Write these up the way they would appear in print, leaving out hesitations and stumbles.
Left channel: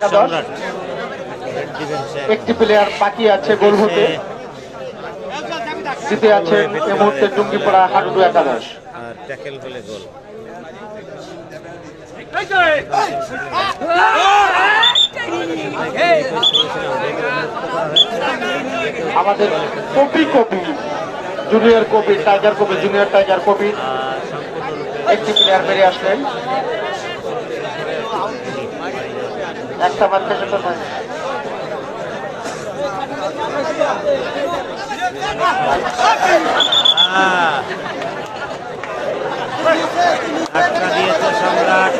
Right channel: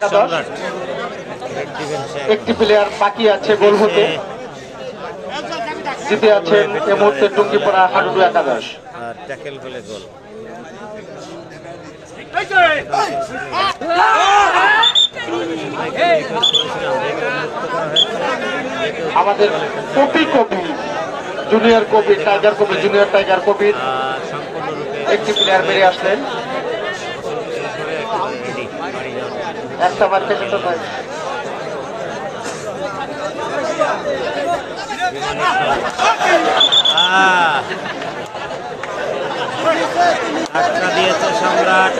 সম্রাট একটি প্লেয়ার বাকি আছে গোল হতে, জিতে আছে এই মুহূর্তে টুঙ্গিপাড়া হাডুডু একাদশ। আর ট্যাকেল হলে গোল। আমাদের copy junior copy tiger copy junior tiger copy একটি প্লেয়ার বেরিয়ে আসলেন, একটা বার থেকে তো নয়। ধাক্কা দিয়েছে সম্রাট,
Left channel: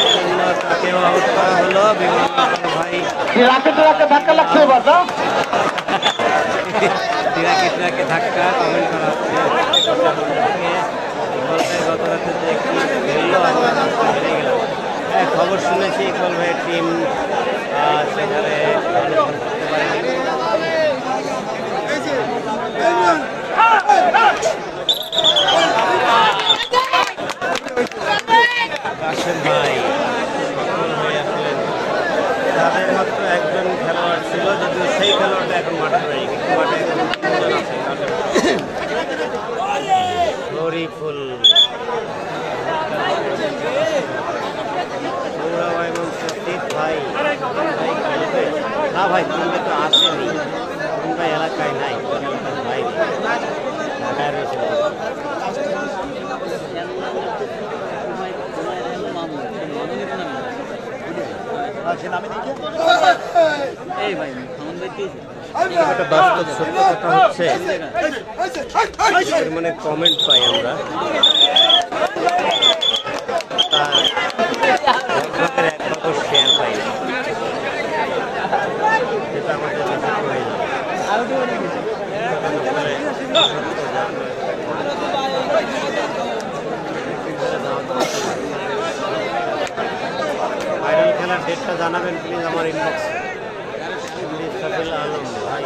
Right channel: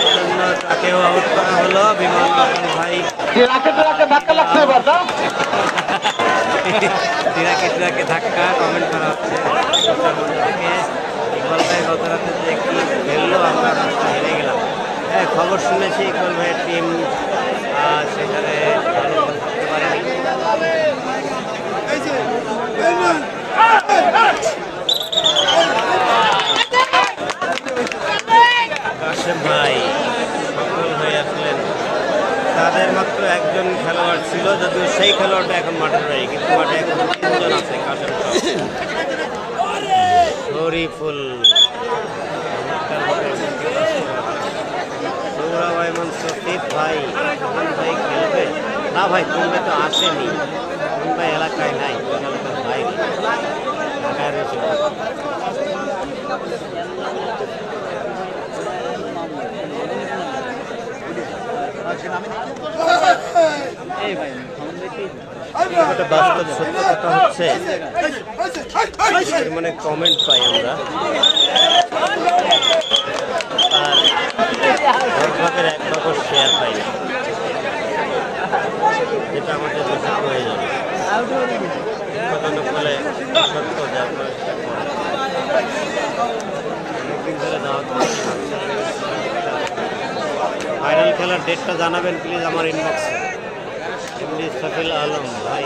এই জন্য তাকেও আউট করা হলো। বিমান ভাই তিরাকে ধাক্কা কমেন্ট করা হচ্ছে থেকে। ইকবাল ভাই গত রাতে যে কি খেললো, আমরা ম্যাচটা হেরে গেলাম। হ্যাঁ, খবর শুনেছি ইকবাল ভাইয়ের টিম সেখানে ভালো ফল করতে পারেনি। কাশেম ভাই সফল হয়ে আসলেন। তাদের মাত্র একজন খেলোয়াড় ছিল, যদিও সেই খেলোয়াড়টা এখন মাঠে নেই, কিন্তু মাঠে এখন তিনজন আছে। কাশেম শরীফুল, সৌরভ ভাই, ভাই খেলবে না ভাই? তিন ভাই তো আসেনি, তিন ভাই এলাকায় নাই, এলাকার বাইরে ঢাকায় রয়েছে। একটা বাস্তব সত্য কথা হচ্ছে, মানে কমেন্ট পাই আমরা, তার 10 ভাগের 1 ভাগও শেয়ার পাই না, যেটা আমাদের দেশে প্রয়োজন। ফাইনাল খেলার ডেটটা জানাবেন প্লিজ আমার ইনবক্সে। সফিল আলম ভাই,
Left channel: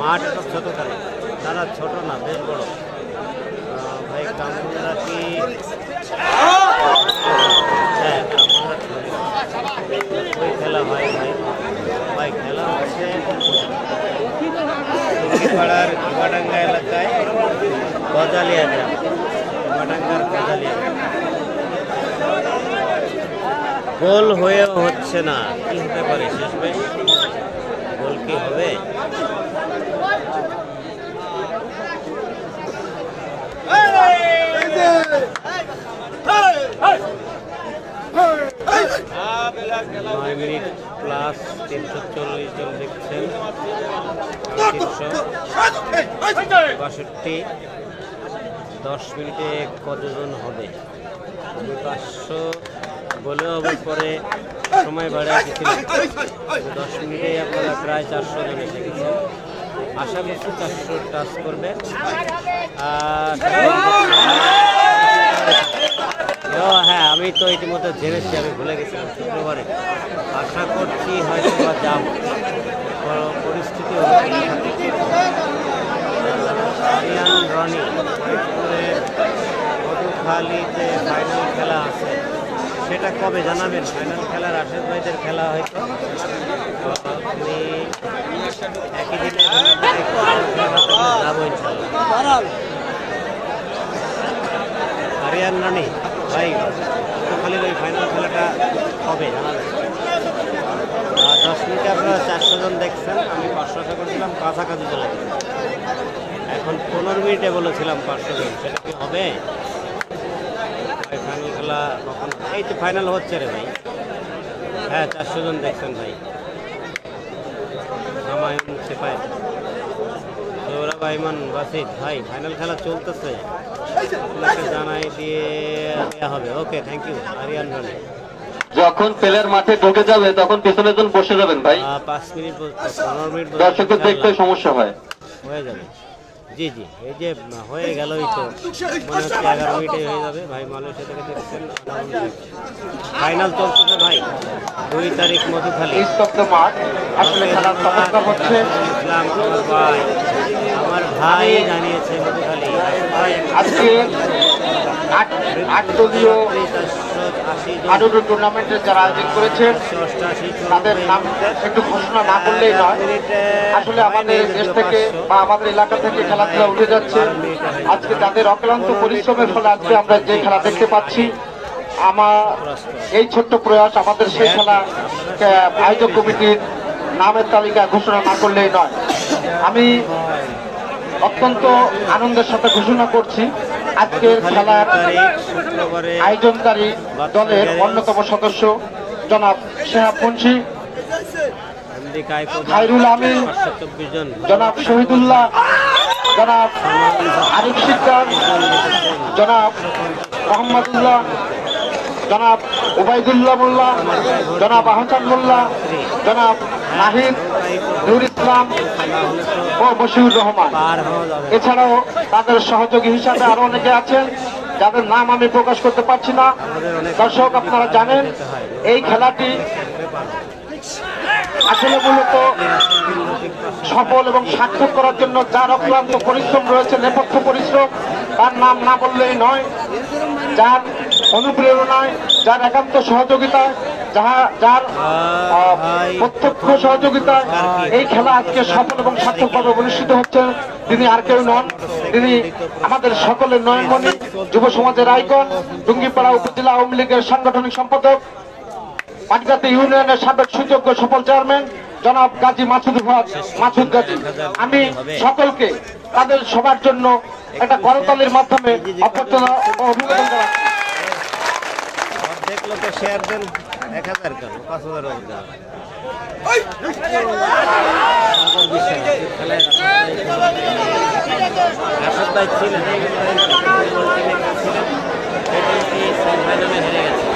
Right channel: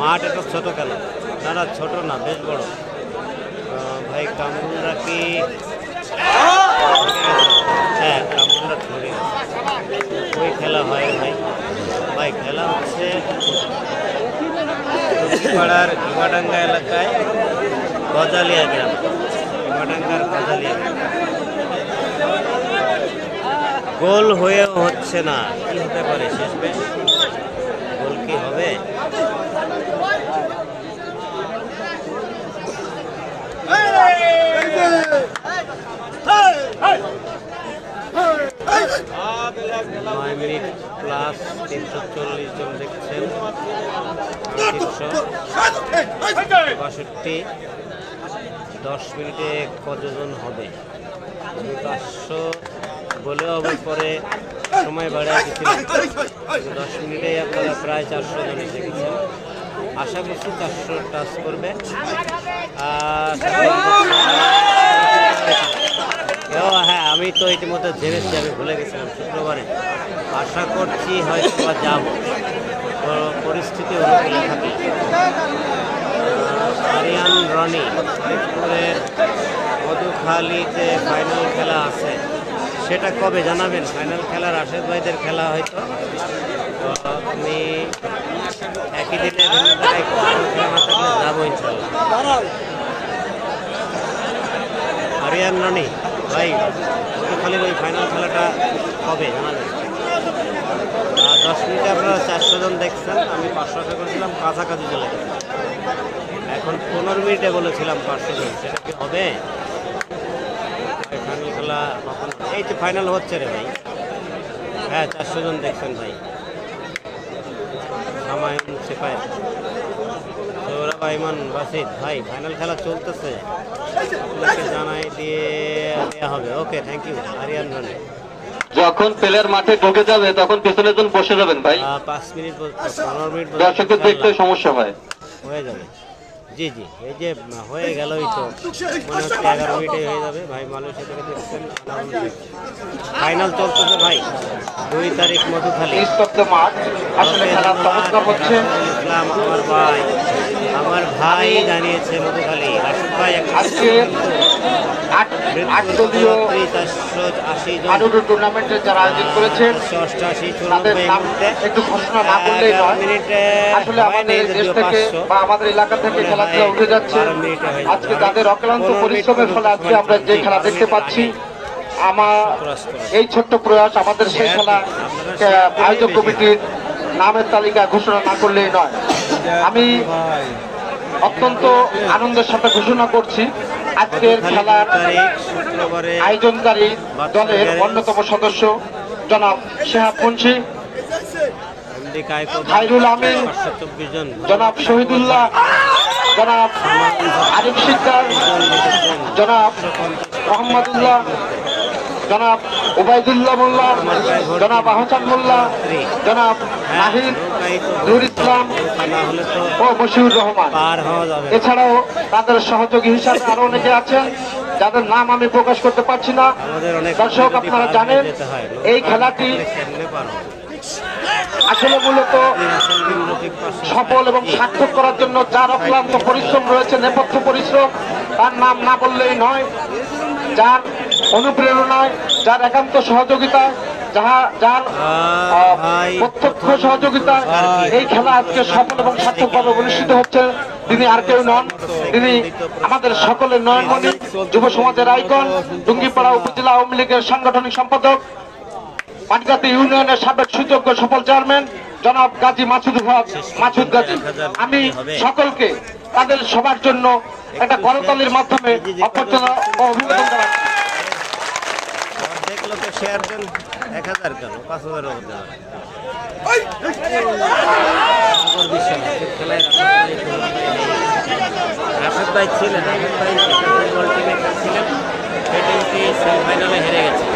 মাঠ একটা ছোট খেলা, না ছোট না, বেশ বড় ভাই। কামরা কি? হ্যাঁ, কামরা ধরে ওই খেলা হয় ভাই। ভাই খেলা হচ্ছে পাড়ার ঘুমাডাঙ্গা এলাকায়, গজালিয়া গ্রাম, ঘুমাডাঙ্গার গজালিয়া গ্রাম। গোল হয়েও হচ্ছে না, কি হতে পারে শেষ বেশ? গোল কি হবে? নয় মিনিট প্লাস 340 জন দেখছেন, 362। 10 মিনিটে কতজন হবে? 500 বলেও আবার পরে সময় বাড়ায় দিচ্ছিলাম। 10 মিনিটেই আপনারা প্রায় 400 জন এসে গেছেন। আশা করছি 400 টাচ করবে। হ্যাঁ, আমি তো ইতিমধ্যে জেনেছি, আমি ভুলে গেছিলাম শুক্রবারে। আশা করছি হয়তো বা যাব, পরিস্থিতি আরিয়ান রনি মধুখালীতে ফাইনাল খেলা আছে, সেটা কবে জানাবেন? ফাইনাল খেলার আশেক ভাইদের খেলা হয়তো আমি একই দিনে যাবো ইনশাল্লাহ। আরিয়ান রনি ভাই, মধুখালীর ওই ফাইনাল খেলাটা কবে জানাবেন? 10 মিনিটে আপনারা 400 জন দেখছেন, আমি 500 আশা করেছিলাম, কাছাকাছি চলে গেছে। এখন 15 মিনিটে বলেছিলাম 500 জন, সেটা কি হবে ভাই? ফাইনাল খেলা কখন? এই তো ফাইনাল হচ্ছে রে ভাই। হ্যাঁ, 400 জন দেখছেন ভাই। সামায়ন সেপাই, সৌরভ আইমান বাসিদ ভাই, ফাইনাল খেলা চলতেছে, আপনাকে জানাই দেওয়া হবে। ওকে, থ্যাংক ইউ আরিয়ান রনি। যখন প্লেয়ার মাঠে ঢুকে যাবে তখন পেছনের জন বসে যাবেন ভাই। 5 মিনিট 15 মিনিট দর্শকদের দেখতে সমস্যা হয়, হয়ে যাবে। জি জি, এই যে হয়ে গেলই তো, মনে হচ্ছে 11 মিনিটে হয়ে যাবে ভাই। মালয়েশিয়া থেকে দেখছেন, ফাইনাল চলতেছে ভাই। 2 তারিখ মধুখালী। ইসলাম আমার ভাই, আমার ভাই জানিয়েছে মধুখালী রাশেদ ভাই আজকে আট দলীয় 80 জন হাডুডু টুর্নামেন্টের যারা আয়োজন করেছেন 188 তাদের নাম একটু ঘোষণা না করলেই নয়। আসলে আমাদের দেশ থেকে বা আমাদের এলাকা থেকে খেলাধুলা উঠে যাচ্ছে। আজকে তাদের অক্লান্ত পরিশ্রমের ফলে আজকে আমরা যে খেলা দেখতে পাচ্ছি, আমার এই ছোট্ট প্রয়াস আমাদের সেই খেলা আয়োজক কমিটির নামের তালিকা ঘোষণা না করলেই নয়। আমি অত্যন্ত আনন্দের সাথে ঘোষণা করছি আজকের খেলার শুক্রবারে আয়োজনকারী দলের অন্যতম সদস্য জনাব শেহাব মুন্সি, খায়রুল আমিন, 524 জন জনাব শহীদুল্লাহ, জনাব আরিফ সিদ্দার, জনাব মোহাম্মদুল্লাহ, জনাব ওবায়দুল্লাহ মোল্লা, জনাব আহসান মোল্লা, জনাব নাহিদ, নুর ইসলাম ও বশিউর রহমান। পার হওয়া যাবে এছাড়াও তাদের সহযোগী হিসাবে আরো অনেকে আছেন যাদের নাম আমি প্রকাশ করতে পারছি না। দর্শক, আপনারা জানেন এই খেলাটি আসলে মূলত সফল এবং সার্থক করার জন্য যার অক্লান্ত পরিশ্রম রয়েছে, নেপথ্য পরিশ্রম, তার নাম না বললেই নয়। যার অনুপ্রেরণায়, যার একান্ত সহযোগিতায়, যার প্রত্যক্ষ সহযোগিতায় এই খেলা আজকে সফল এবং সার্থকভাবে অনুষ্ঠিত হচ্ছে, তিনি আর কেউ নন, তিনি আমাদের সকলের নয়নমণি, যুব সমাজের আইকন, ডুঙ্গিপাড়া উপজেলা আওয়ামী লীগের সাংগঠনিক সম্পাদক, পাটগাতি ইউনিয়নের সাবেক সুযোগ্য সফল চেয়ারম্যান জনাব গাজী মাসুদ গাজী। আমি সকলকে তাদের সবার জন্য একটা করতালির মাধ্যমে অভ্যর্থনা ও অভিনন্দন জানাচ্ছি। অর্ধেক লোকে শেয়ার দেন, 1000 কেন 5000 হতে পারে। সাগর বিশ্বাস খেলায় রাশেদ ভাই ছিলেন, রাশেদ ভাই ফুটবল টিমে ছিলেন, সেই টিমটি সেমিফাইনালে হেরে গেছে।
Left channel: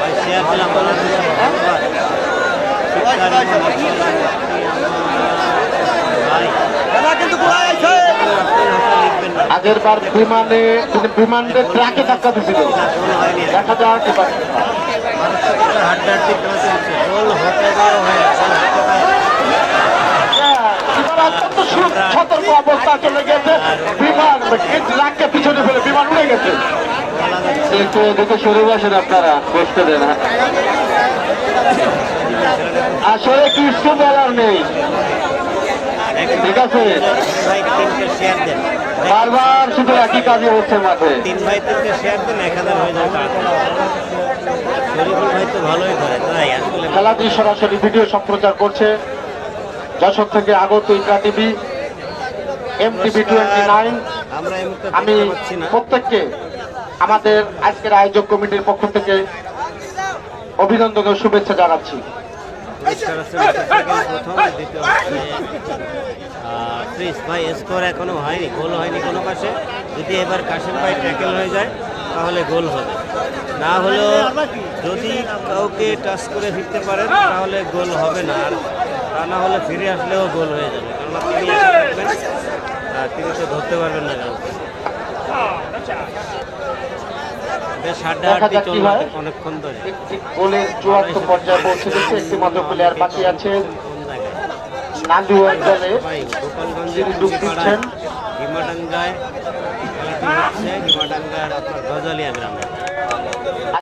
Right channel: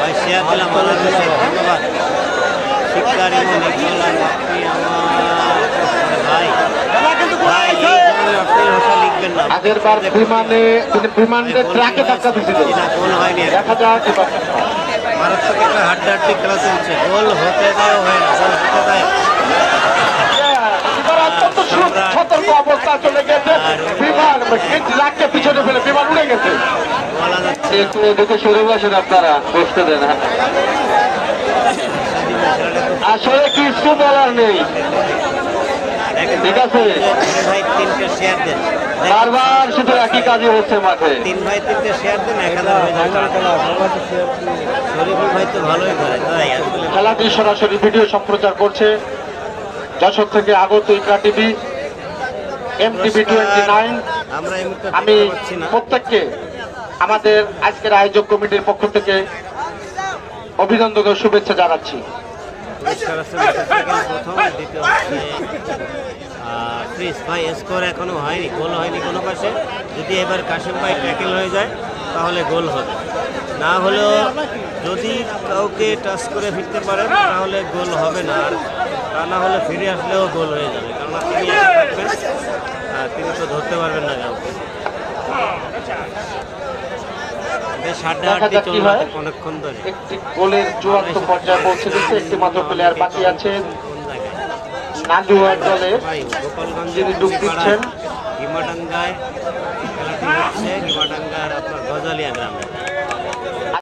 ভাই শেয়ার দিলাম, ধন্যবাদ। শিক্ষার আগের বার বিমানে তিনি বিমানের ট্রাকে ধাক্কা দিয়েছিলেন, দেখা যাক এবার হাড্ডাহাড্ডি খেলা চলছে, গোল হতে দেয়, এবার অত্যন্ত সতর্ক অবস্থা চলে গেছে। বিমান ট্রাককে পিছনে ফেলে বিমান উড়ে গেছে। বলা যাচ্ছে দেখে সরে বসেন আপনারা, বসতে দেন। আসলে কিছু বলার নেই, ঠিক আছে। ভাই 3টে শেয়ার দেন, বারবার শুধু একই কাজই হচ্ছে মাঠে। 3 ভাই 3টে শেয়ার দেন, 1000 হয়ে যায় কাজ। শরীফুল ভাই তো ভালোই ধরে, তাই খেলাটি সরাসরি ভিডিও সম্প্রচার করছে যশোর থেকে আগত ইকরা টিভি, MTV 29। আমরা এই মুহূর্তে আমি দেখতে পাচ্ছি না। প্রত্যেককে আমাদের আজকের আয়োজক কমিটির পক্ষ থেকে অভিনন্দন ও শুভেচ্ছা জানাচ্ছি। পুরস্কার আছে মোটরসাইকেল প্রথম, দ্বিতীয় হচ্ছে ফ্রিজ। ভাই স্কোর এখনো হয়নি, গোল হয়নি কোনো পাশে। যদি এবার কাশেম ভাই ট্যাকেল হয়ে যায় তাহলে গোল হবে, না হলেও যদি কাউকে টাচ করে ফিরতে পারেন তাহলে গোল হবে না, আর তা না হলে ফিরে আসলেও গোল হয়ে যাবে, কেননা তিনি একা থাকবেন, তিনি তো ধরতে পারবেন না কাউকে। বেশ হাড্ডাহাড্ডি চলবে অনেকক্ষণ ধরে। একটি গোলের চূড়ান্ত পর্যায়ে পৌঁছে গেছে, একটি মাত্র প্লেয়ার বাকি আছে। কোন জায়গায়? নান্দিওয়ার দলে ভাই গোপালগঞ্জের যিনি ডুব দিচ্ছেন, গিমাডাঙ্গায় খেলাটি হচ্ছে, গিমাডাঙ্গার আপনার গজালিয়া গ্রামে।